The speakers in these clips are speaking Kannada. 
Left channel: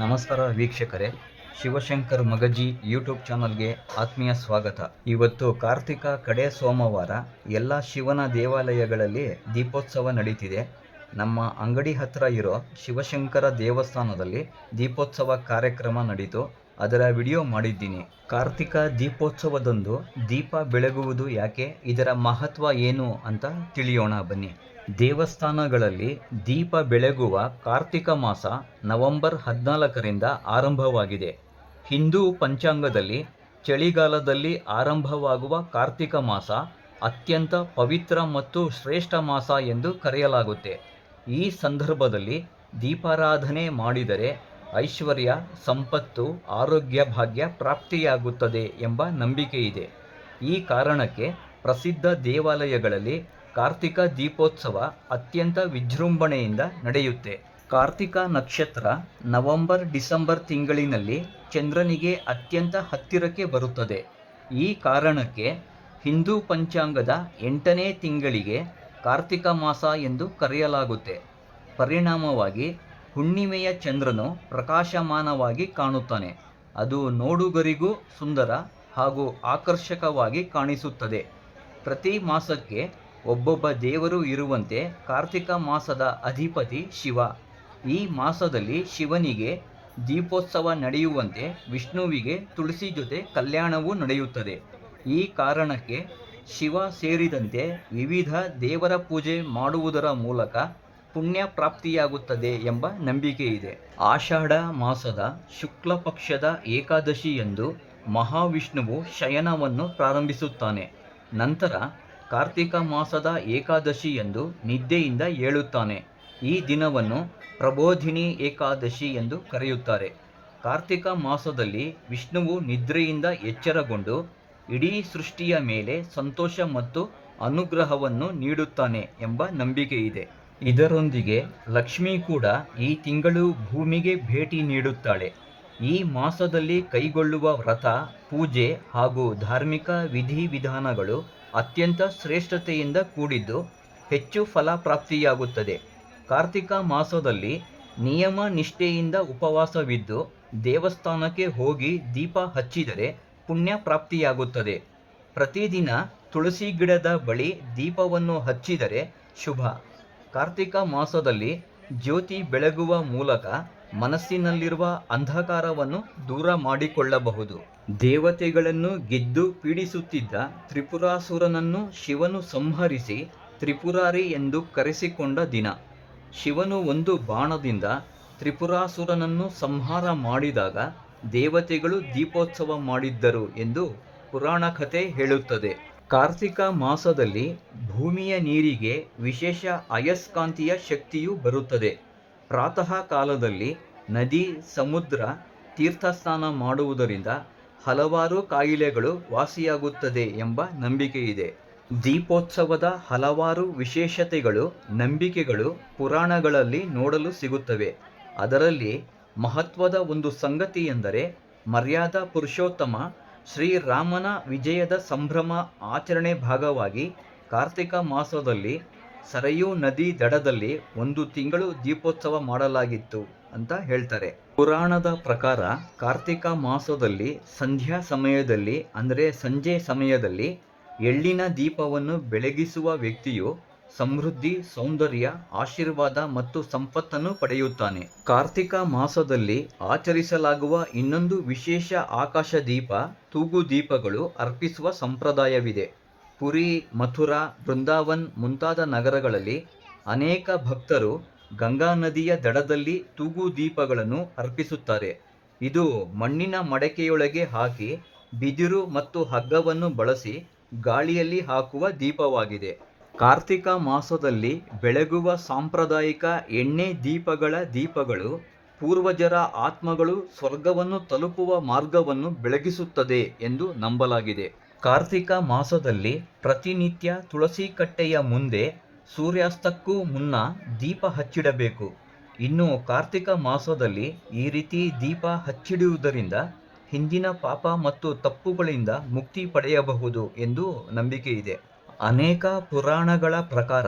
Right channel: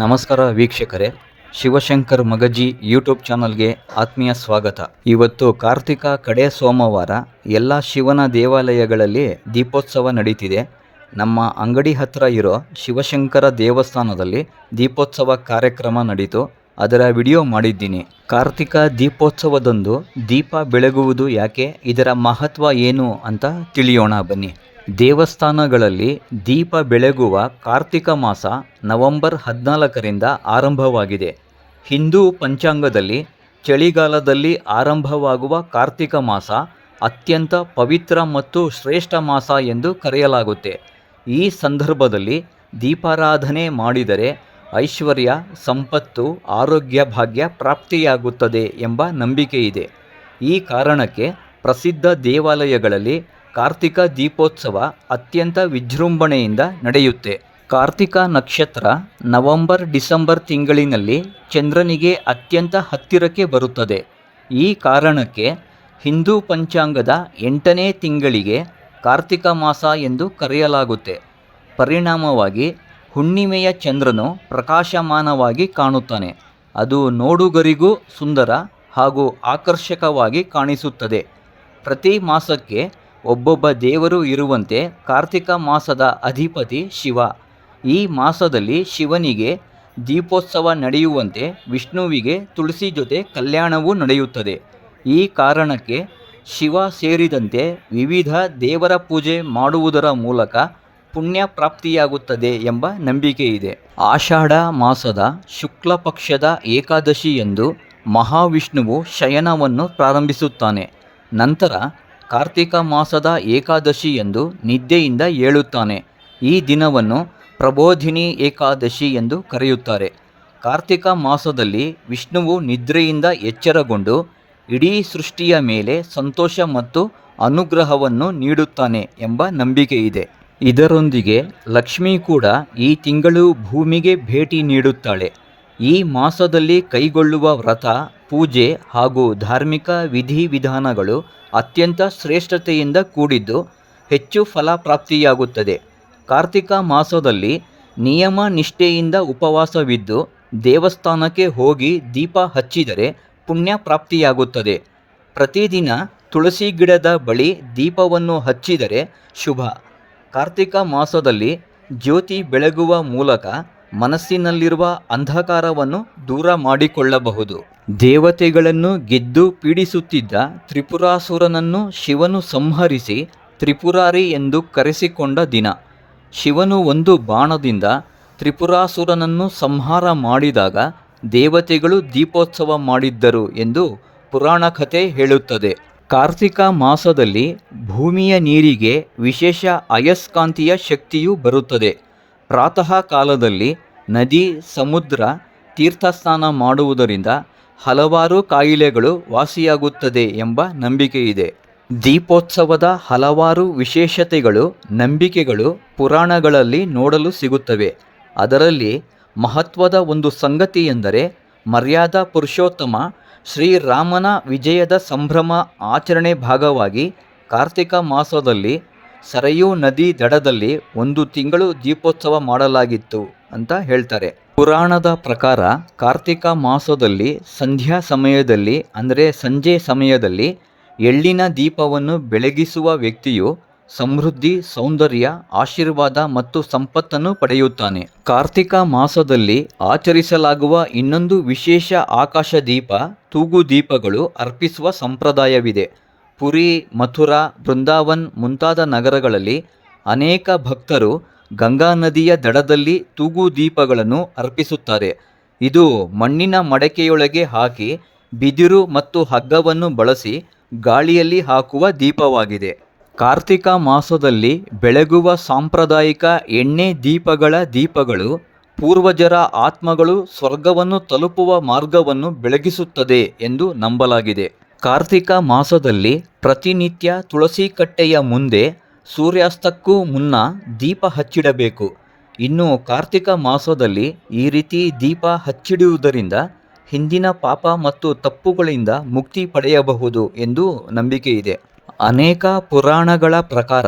ನಮಸ್ಕಾರ ವೀಕ್ಷಕರೇ, ಶಿವಶಂಕರ್ ಮಗಜಿ ಯೂಟ್ಯೂಬ್ ಚಾನಲ್ಗೆ ಆತ್ಮೀಯ ಸ್ವಾಗತ. ಇವತ್ತು ಕಾರ್ತಿಕ ಕಡೆ ಸೋಮವಾರ ಎಲ್ಲ ಶಿವನ ದೇವಾಲಯಗಳಲ್ಲಿ ದೀಪೋತ್ಸವ ನಡೀತಿದೆ. ನಮ್ಮ ಅಂಗಡಿ ಹತ್ರ ಇರೋ ಶಿವಶಂಕರ ದೇವಸ್ಥಾನದಲ್ಲಿ ದೀಪೋತ್ಸವ ಕಾರ್ಯಕ್ರಮ ನಡೀತು. ಅದರ ವಿಡಿಯೋ ಮಾಡಿದ್ದೀನಿ. ಕಾರ್ತಿಕ ದೀಪೋತ್ಸವದಂದು ದೀಪ ಬೆಳಗುವುದು ಯಾಕೆ, ಇದರ ಮಹತ್ವ ಏನು ಅಂತ ತಿಳಿಯೋಣ ಬನ್ನಿ. ದೇವಸ್ಥಾನಗಳಲ್ಲಿ ದೀಪ ಬೆಳಗುವ ಕಾರ್ತಿಕ ಮಾಸ ನವೆಂಬರ್ ಹದಿನಾಲ್ಕರಿಂದ ಆರಂಭವಾಗಿದೆ. ಹಿಂದೂ ಪಂಚಾಂಗದಲ್ಲಿ ಚಳಿಗಾಲದಲ್ಲಿ ಆರಂಭವಾಗುವ ಕಾರ್ತಿಕ ಮಾಸ ಅತ್ಯಂತ ಪವಿತ್ರ ಮತ್ತು ಶ್ರೇಷ್ಠ ಮಾಸ ಎಂದು ಕರೆಯಲಾಗುತ್ತೆ. ಈ ಸಂದರ್ಭದಲ್ಲಿ ದೀಪಾರಾಧನೆ ಮಾಡಿದರೆ ಐಶ್ವರ್ಯ, ಸಂಪತ್ತು, ಆರೋಗ್ಯ ಭಾಗ್ಯ ಪ್ರಾಪ್ತಿಯಾಗುತ್ತದೆ ಎಂಬ ನಂಬಿಕೆ ಇದೆ ಈ ಕಾರಣಕ್ಕೆ ಪ್ರಸಿದ್ಧ ದೇವಾಲಯಗಳಲ್ಲಿ ಕಾರ್ತಿಕ ದೀಪೋತ್ಸವ ಅತ್ಯಂತ ವಿಜೃಂಭಣೆಯಿಂದ ನಡೆಯುತ್ತೆ. ಕಾರ್ತಿಕ ನಕ್ಷತ್ರ ನವೆಂಬರ್ ಡಿಸೆಂಬರ್ ತಿಂಗಳಿನಲ್ಲಿ ಚಂದ್ರನಿಗೆ ಅತ್ಯಂತ ಹತ್ತಿರಕ್ಕೆ ಬರುತ್ತದೆ. ಈ ಕಾರಣಕ್ಕೆ ಹಿಂದೂ ಪಂಚಾಂಗದ ಎಂಟನೇ ತಿಂಗಳಿಗೆ ಕಾರ್ತಿಕ ಮಾಸ ಎಂದು ಕರೆಯಲಾಗುತ್ತೆ. ಪರಿಣಾಮವಾಗಿ ಹುಣ್ಣಿಮೆಯ ಚಂದ್ರನು ಪ್ರಕಾಶಮಾನವಾಗಿ ಕಾಣುತ್ತಾನೆ. ಅದು ನೋಡುಗರಿಗೂ ಸುಂದರ ಹಾಗೂ ಆಕರ್ಷಕವಾಗಿ ಕಾಣಿಸುತ್ತದೆ. ಪ್ರತಿ ಮಾಸಕ್ಕೆ ಒಬ್ಬೊಬ್ಬ ದೇವರು ಇರುವಂತೆ ಕಾರ್ತಿಕ ಮಾಸದ ಅಧಿಪತಿ ಶಿವ. ಈ ಮಾಸದಲ್ಲಿ ಶಿವನಿಗೆ ದೀಪೋತ್ಸವ ನಡೆಯುವಂತೆ ವಿಷ್ಣುವಿಗೆ ತುಳಸಿ ಜೊತೆ ಕಲ್ಯಾಣವೂ ನಡೆಯುತ್ತದೆ. ಈ ಕಾರಣಕ್ಕೆ ಶಿವ ಸೇರಿದಂತೆ ವಿವಿಧ ದೇವರ ಪೂಜೆ ಮಾಡುವುದರ ಮೂಲಕ ಪುಣ್ಯ ಪ್ರಾಪ್ತಿಯಾಗುತ್ತದೆ ಎಂಬ ನಂಬಿಕೆ ಇದೆ. ಆಷಾಢ ಮಾಸದ ಶುಕ್ಲ ಪಕ್ಷದ ಏಕಾದಶಿಯಂದು ಮಹಾವಿಷ್ಣುವು ಶಯನವನ್ನು ಪ್ರಾರಂಭಿಸುತ್ತಾನೆ. ನಂತರ ಕಾರ್ತಿಕ ಮಾಸದ ಏಕಾದಶಿ ಎಂದು ನಿದ್ದೆಯಿಂದ ಹೇಳುತ್ತಾನೆ ಈ ದಿನವನ್ನು ಪ್ರಬೋಧಿನಿ ಏಕಾದಶಿ ಎಂದು ಕರೆಯುತ್ತಾರೆ. ಕಾರ್ತಿಕ ಮಾಸದಲ್ಲಿ ವಿಷ್ಣುವು ನಿದ್ರೆಯಿಂದ ಎಚ್ಚರಗೊಂಡು ಇಡೀ ಸೃಷ್ಟಿಯ ಮೇಲೆ ಸಂತೋಷ ಮತ್ತು ಅನುಗ್ರಹವನ್ನು ನೀಡುತ್ತಾನೆ ಎಂಬ ನಂಬಿಕೆಯಿದೆ. ಇದೆ ಇದರೊಂದಿಗೆ ಲಕ್ಷ್ಮಿ ಕೂಡ ಈ ತಿಂಗಳು ಭೂಮಿಗೆ ಭೇಟಿ ನೀಡುತ್ತಾಳೆ. ಈ ಮಾಸದಲ್ಲಿ ಕೈಗೊಳ್ಳುವ ವ್ರತ, ಪೂಜೆ ಹಾಗೂ ಧಾರ್ಮಿಕ ವಿಧಿವಿಧಾನಗಳು ಅತ್ಯಂತ ಶ್ರೇಷ್ಠತೆಯಿಂದ ಕೂಡಿದ್ದು ಹೆಚ್ಚು ಫಲಪ್ರಾಪ್ತಿಯಾಗುತ್ತದೆ. ಕಾರ್ತಿಕ ಮಾಸದಲ್ಲಿ ನಿಯಮ ನಿಷ್ಠೆಯಿಂದ ಉಪವಾಸವಿದ್ದು ದೇವಸ್ಥಾನಕ್ಕೆ ಹೋಗಿ ದೀಪ ಹಚ್ಚಿದರೆ ಪುಣ್ಯ ಪ್ರಾಪ್ತಿಯಾಗುತ್ತದೆ. ಪ್ರತಿದಿನ ತುಳಸಿ ಗಿಡದ ಬಳಿ ದೀಪವನ್ನು ಹಚ್ಚಿದರೆ ಶುಭ. ಕಾರ್ತಿಕ ಮಾಸದಲ್ಲಿ ಜ್ಯೋತಿ ಬೆಳಗುವ ಮೂಲಕ ಮನಸ್ಸಿನಲ್ಲಿರುವ ಅಂಧಕಾರವನ್ನು ದೂರ ಮಾಡಿಕೊಳ್ಳಬಹುದು. ದೇವತೆಗಳನ್ನು ಗೆದ್ದು ಪೀಡಿಸುತ್ತಿದ್ದ ತ್ರಿಪುರಾಸುರನನ್ನು ಶಿವನು ಸಂಹರಿಸಿ ತ್ರಿಪುರಾರಿ ಎಂದು ಕರೆಸಿಕೊಂಡ ದಿನ. ಶಿವನು ಒಂದು ಬಾಣದಿಂದ ತ್ರಿಪುರಾಸುರನನ್ನು ಸಂಹಾರ ಮಾಡಿದಾಗ ದೇವತೆಗಳು ದೀಪೋತ್ಸವ ಮಾಡಿದ್ದರು ಎಂದು ಪುರಾಣ ಕಥೆ ಹೇಳುತ್ತದೆ. ಕಾರ್ತಿಕ ಮಾಸದಲ್ಲಿ ಭೂಮಿಯ ನೀರಿಗೆ ವಿಶೇಷ ಅಯಸ್ಕಾಂತೀಯ ಶಕ್ತಿಯು ಬರುತ್ತದೆ. ಪ್ರಾತಃ ಕಾಲದಲ್ಲಿ ನದಿ, ಸಮುದ್ರ ತೀರ್ಥಸ್ನಾನ ಮಾಡುವುದರಿಂದ ಹಲವಾರು ಕಾಯಿಲೆಗಳು ವಾಸಿಯಾಗುತ್ತದೆ ಎಂಬ ನಂಬಿಕೆ ಇದೆ. ದೀಪೋತ್ಸವದ ಹಲವಾರು ವಿಶೇಷತೆಗಳು, ನಂಬಿಕೆಗಳು ಪುರಾಣಗಳಲ್ಲಿ ನೋಡಲು ಸಿಗುತ್ತವೆ. ಅದರಲ್ಲಿ ಮಹತ್ವದ ಒಂದು ಸಂಗತಿ ಎಂದರೆ ಮರ್ಯಾದಾ ಪುರುಷೋತ್ತಮ ಶ್ರೀರಾಮನ ವಿಜಯದ ಸಂಭ್ರಮ ಆಚರಣೆ ಭಾಗವಾಗಿ ಕಾರ್ತಿಕ ಮಾಸದಲ್ಲಿ ಸರಯೂ ನದಿ ದಡದಲ್ಲಿ ಒಂದು ತಿಂಗಳು ದೀಪೋತ್ಸವ ಮಾಡಲಾಗಿತ್ತು ಅಂತ ಹೇಳ್ತಾರೆ. ಪುರಾಣದ ಪ್ರಕಾರ ಕಾರ್ತಿಕ ಮಾಸದಲ್ಲಿ ಸಂಧ್ಯಾ ಸಮಯದಲ್ಲಿ ಅಂದರೆ ಸಂಜೆ ಸಮಯದಲ್ಲಿ ಎಳ್ಳಿನ ದೀಪವನ್ನು ಬೆಳಗಿಸುವ ವ್ಯಕ್ತಿಯು ಸಮೃದ್ಧಿ, ಸೌಂದರ್ಯ, ಆಶೀರ್ವಾದ ಮತ್ತು ಸಂಪತ್ತನ್ನು ಪಡೆಯುತ್ತಾನೆ. ಕಾರ್ತಿಕ ಮಾಸದಲ್ಲಿ ಆಚರಿಸಲಾಗುವ ಇನ್ನೊಂದು ವಿಶೇಷ ಆಕಾಶ ದೀಪ, ತೂಗು ದೀಪಗಳು ಅರ್ಪಿಸುವ ಸಂಪ್ರದಾಯವಿದೆ. ಪುರಿ, ಮಥುರಾ, ಬೃಂದಾವನ್ ಮುಂತಾದ ನಗರಗಳಲ್ಲಿ ಅನೇಕ ಭಕ್ತರು ಗಂಗಾ ನದಿಯ ದಡದಲ್ಲಿ ತೂಗು ದೀಪಗಳನ್ನು ಅರ್ಪಿಸುತ್ತಾರೆ. ಇದು ಮಣ್ಣಿನ ಮಡಕೆಯೊಳಗೆ ಹಾಕಿ ಬಿದಿರು ಮತ್ತು ಹಗ್ಗವನ್ನು ಬಳಸಿ ಗಾಳಿಯಲ್ಲಿ ಹಾಕುವ ದೀಪವಾಗಿದೆ. ಕಾರ್ತಿಕ ಮಾಸದಲ್ಲಿ ಬೆಳಗುವ ಸಾಂಪ್ರದಾಯಿಕ ಎಣ್ಣೆ ದೀಪಗಳ ದೀಪಗಳು ಪೂರ್ವಜರ ಆತ್ಮಗಳು ಸ್ವರ್ಗವನ್ನು ತಲುಪುವ ಮಾರ್ಗವನ್ನು ಬೆಳಗಿಸುತ್ತದೆ ಎಂದು ನಂಬಲಾಗಿದೆ. ಕಾರ್ತಿಕ ಮಾಸದಲ್ಲಿ ಪ್ರತಿನಿತ್ಯ ತುಳಸಿ ಕಟ್ಟೆಯ ಮುಂದೆ ಸೂರ್ಯಾಸ್ತಕ್ಕೂ ಮುನ್ನ ದೀಪ ಹಚ್ಚಿಡಬೇಕು. ಇನ್ನು ಕಾರ್ತಿಕ ಮಾಸದಲ್ಲಿ ಈ ರೀತಿ ದೀಪ ಹಚ್ಚಿಡುವುದರಿಂದ ಹಿಂದಿನ ಪಾಪ ಮತ್ತು ತಪ್ಪುಗಳಿಂದ ಮುಕ್ತಿ ಪಡೆಯಬಹುದು ಎಂದು ನಂಬಿಕೆ ಇದೆ. ಅನೇಕ ಪುರಾಣಗಳ ಪ್ರಕಾರ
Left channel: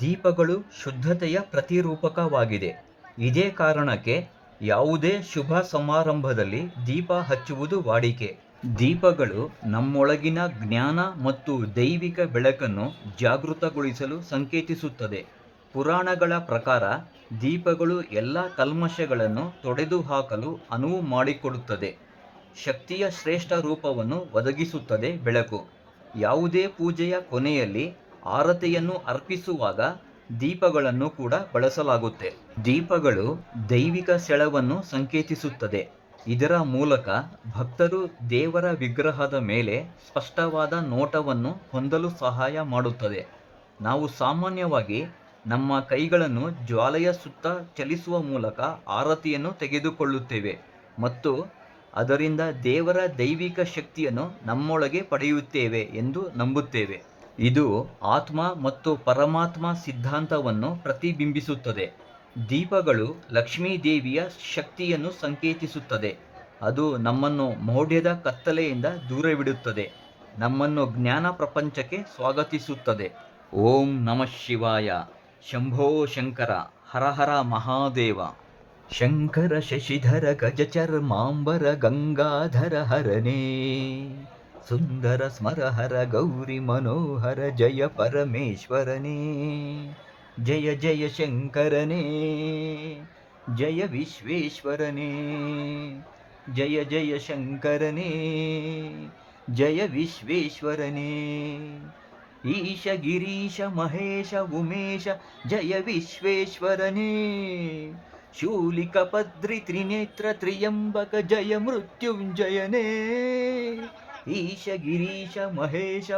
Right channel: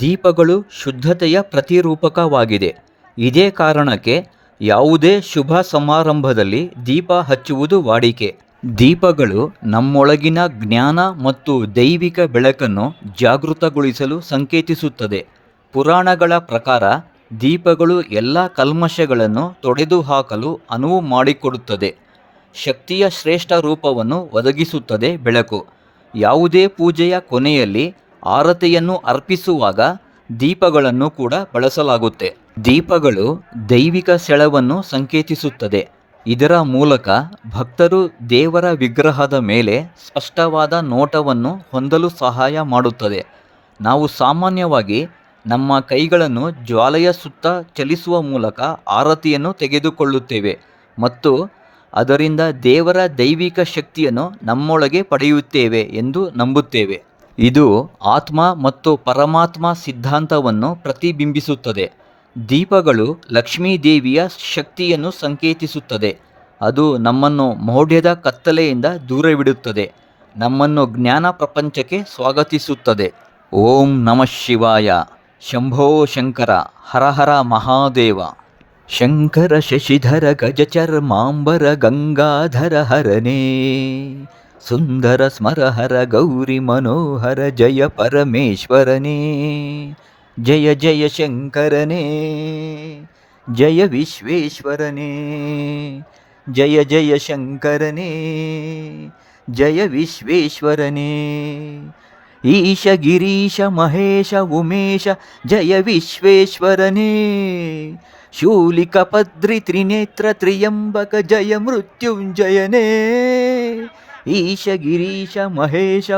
ದೀಪಗಳು ಶುದ್ಧತೆಯ ಪ್ರತಿರೂಪಕವಾಗಿದೆ. ಇದೇ ಕಾರಣಕ್ಕೆ ಯಾವುದೇ ಶುಭ ಸಮಾರಂಭದಲ್ಲಿ ದೀಪ ಹಚ್ಚುವುದು ವಾಡಿಕೆ. ದೀಪಗಳು ನಮ್ಮೊಳಗಿನ ಜ್ಞಾನ ಮತ್ತು ದೈವಿಕ ಬೆಳಕನ್ನು ಜಾಗೃತಗೊಳಿಸಲು ಸಂಕೇತಿಸುತ್ತದೆ. ಪುರಾಣಗಳ ಪ್ರಕಾರ ದೀಪಗಳು ಎಲ್ಲ ಕಲ್ಮಶಗಳನ್ನು ತೊಡೆದುಹಾಕಲು ಅನುವು ಮಾಡಿಕೊಡುತ್ತದೆ. ಶಕ್ತಿಯ ಶ್ರೇಷ್ಠ ರೂಪವನ್ನು ಒದಗಿಸುತ್ತದೆ ಬೆಳಕು. ಯಾವುದೇ ಪೂಜೆಯ ಕೊನೆಯಲ್ಲಿ ಆರತಿಯನ್ನು ಅರ್ಪಿಸುವಾಗ ದೀಪಗಳನ್ನು ಕೂಡ ಬಳಸಲಾಗುತ್ತೆ. ದೀಪಗಳು ದೈವಿಕ ಸೆಳವನ್ನು ಸಂಕೇತಿಸುತ್ತದೆ. ಇದರ ಮೂಲಕ ಭಕ್ತರು ದೇವರ ವಿಗ್ರಹದ ಮೇಲೆ ಸ್ಪಷ್ಟವಾದ ನೋಟವನ್ನು ಹೊಂದಲು ಸಹಾಯ ಮಾಡುತ್ತದೆ. ನಾವು ಸಾಮಾನ್ಯವಾಗಿ ನಮ್ಮ ಕೈಗಳನ್ನು ಜ್ವಾಲೆಯ ಸುತ್ತ ಚಲಿಸುವ ಮೂಲಕ ಆರತಿಯನ್ನು ತೆಗೆದುಕೊಳ್ಳುತ್ತೇವೆ ಮತ್ತು ಅದರಿಂದ ದೇವರ ದೈವಿಕ ಶಕ್ತಿಯನ್ನು ನಮ್ಮೊಳಗೆ ಪಡೆಯುತ್ತೇವೆ ಎಂದು ನಂಬುತ್ತೇವೆ. ಇದು ಆತ್ಮ ಮತ್ತು ಪರಮಾತ್ಮ ಸಿದ್ಧಾಂತವನ್ನು ಪ್ರತಿಬಿಂಬಿಸುತ್ತದೆ. ದೀಪಗಳು ಲಕ್ಷ್ಮೀ ದೇವಿಯ ಶಕ್ತಿಯನ್ನು ಸಂಕೇತಿಸುತ್ತದೆ. ಅದು ನಮ್ಮನ್ನು ಮೌಢ್ಯದ ಕತ್ತಲೆಯಿಂದ ದೂರವಿಡುತ್ತದೆ. ನಮ್ಮನ್ನು ಜ್ಞಾನ ಪ್ರಪಂಚಕ್ಕೆ ಸ್ವಾಗತಿಸುತ್ತದೆ. ಓಂ ನಮಃ ಶಿವಾಯ. ಶಂಭೋ ಶಂಕರ. ಹರ ಹರ ಮಹಾದೇವ. ಶಂಕರ ಶಶಿಧರ ಗಜಚರ್ಮಾಂಬರ ಗಂಗಾಧರ ಹರನೇ. ಸುಂದರ ಸ್ಮರಹರ ಗೌರಿ ಮನೋಹರ ಜಯ ಪರಮೇಶ್ವರನೇ. ಜಯ ಜಯ ಶಂಕರನೇ ಜಯ ವಿಶ್ವೇಶ್ವರನೇ ಜಯ ಜಯ ಶಂಕರನೇ ಜಯ ವಿಶ್ವೇಶ್ವರನೇ ಈಶ ಗಿರೀಶ ಮಹೇಶ ಉಮೇಶ ಜಯ ವಿಶ್ವೇಶ್ವರನೇ ಶೂಲಿಕ ಪದ್ರಿ ತ್ರಿನೇತ್ರ ತ್ರಿಯಂಬಕ ಜಯ ಮೃತ್ಯುಂಜಯನೇ ಈಶ ಗಿರೀಶ ಮಹೇಶ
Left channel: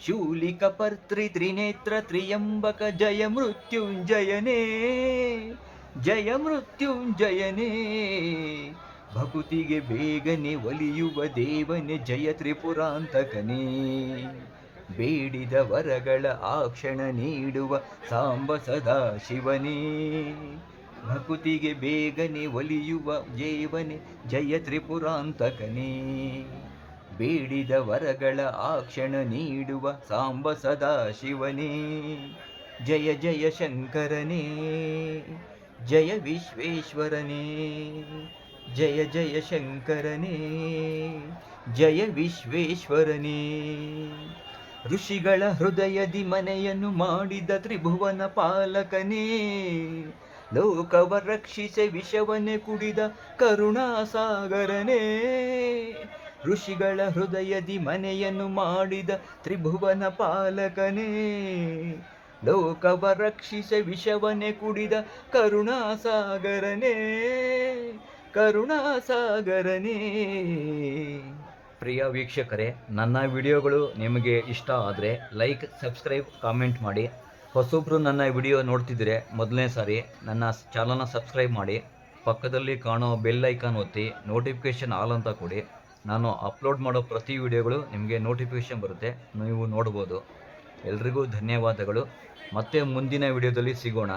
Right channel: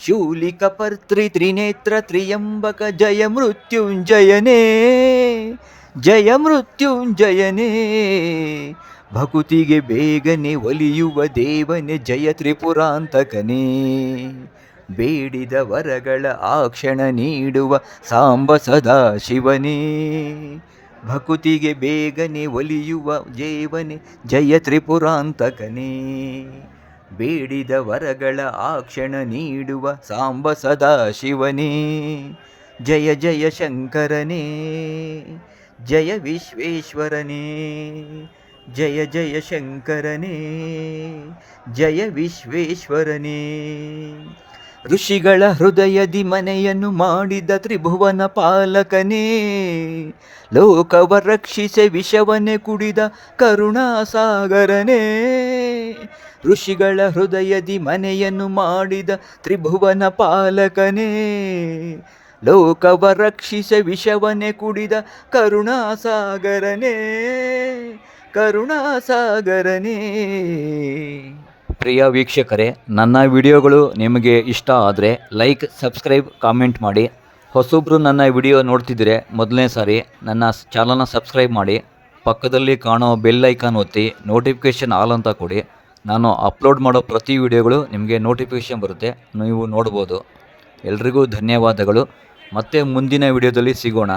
ಶೂಲಿಕ ಪರ್ತ್ರಿ ತ್ರಿನೇತ್ರ ತ್ರಿಯಂಬಕ ಜಯ ಮೃತ್ಯುಂಜಯನೇ. ಭಕುತಿಗೆ ಬೇಗನೆ ಒಲಿಯುವ ದೇವನೇ ಜಯ ತ್ರಿಪುರಾಂತಕನೇ. ಬೇಡಿದ ವರಗಳ ಆಕ್ಷಣ ನೀಡುವ ಸಾಂಬ ಸದಾ ಶಿವನೇ. ಭಕುತಿಗೆ ಬೇಗನೆ ಒಲಿಯುವ ದೇವನೇ ಜಯ ತ್ರಿಪುರಾಂತಕನೇ. ಬೇಡಿದ ವರಗಳ ಆಕ್ಷಣ ನೀಡುವ ಸಾಂಬ ಸದಾ ಶಿವನೇ. ಜಯ ಜಯ ಶಂಕರನೇ, ಜಯ ವಿಶ್ವೇಶ್ವರನೇ, ಜಯ ಜಯ ಶಂಕರನೇ, ಜಯ ವಿಶ್ವೇಶ್ವರನೇ. ಋಷಿಗಳ ಹೃದಯದಿ ಮನೆಯನ್ನು ಮಾಡಿದ ತ್ರಿಭುವನ ಪಾಲಕನೇ. ಲೋಕವ ರಕ್ಷಿಸೆ ವಿಷವನೆ ಕುಡಿದ ಕರುಣಾಸಾಗರನೇ. ಋಷಿಗಳ ಹೃದಯದಿ ಮನೆಯನ್ನು ಮಾಡಿದ ತ್ರಿಭುವನ ಪಾಲಕನೇ. ಲೋಕವ ರಕ್ಷಿಸೆ ವಿಷವನೆ ಕುಡಿದ ಕರುಣಾಸಾಗರನೇ. ಕರುಣಾಸಾಗರನೇ. ಪ್ರಿಯ ವೀಕ್ಷಕರೇ, ನನ್ನ ವಿಡಿಯೋಗಳು ನಿಮಗೆ ಇಷ್ಟ ಆದರೆ ಲೈಕ್, ಸಬ್ಸ್ಕ್ರೈಬ್, ಕಾಮೆಂಟ್ ಮಾಡಿ. ಹೊಸೊಬ್ಬರು ನನ್ನ ವಿಡಿಯೋ ನೋಡ್ತಿದ್ದರೆ ಮೊದಲನೇ ಸಾರಿ ನನ್ನ ಚಾನಲ್ನ ಸಬ್ಸ್ಕ್ರೈಬ್ ಮಾಡಿ. ಪಕ್ಕದಲ್ಲಿ ಕಾಣೋ ಬೆಲ್ ಐಕಾನ್ ಒತ್ತಿ ನೋಟಿಫಿಕೇಷನ್ ಆಲ್ ಅಂತ ಕೊಡಿ. ನಾನು ಅಪ್ಲೋಡ್ ಮಾಡೋ ಪ್ರತಿ ವಿಡಿಯೋಗಳು ನಿಮಗೆ ನೋಟಿಫಿಕೇಷನ್ ಬರುತ್ತೆ, ನೀವು ನೋಡ್ಬೋದು. ಎಲ್ರಿಗೂ ಧನ್ಯವಾದಗಳು. ಮತ್ತೆ ಮುಂದಿನ ವಿಡಿಯೋದಲ್ಲಿ ಸಿಗೋಣ.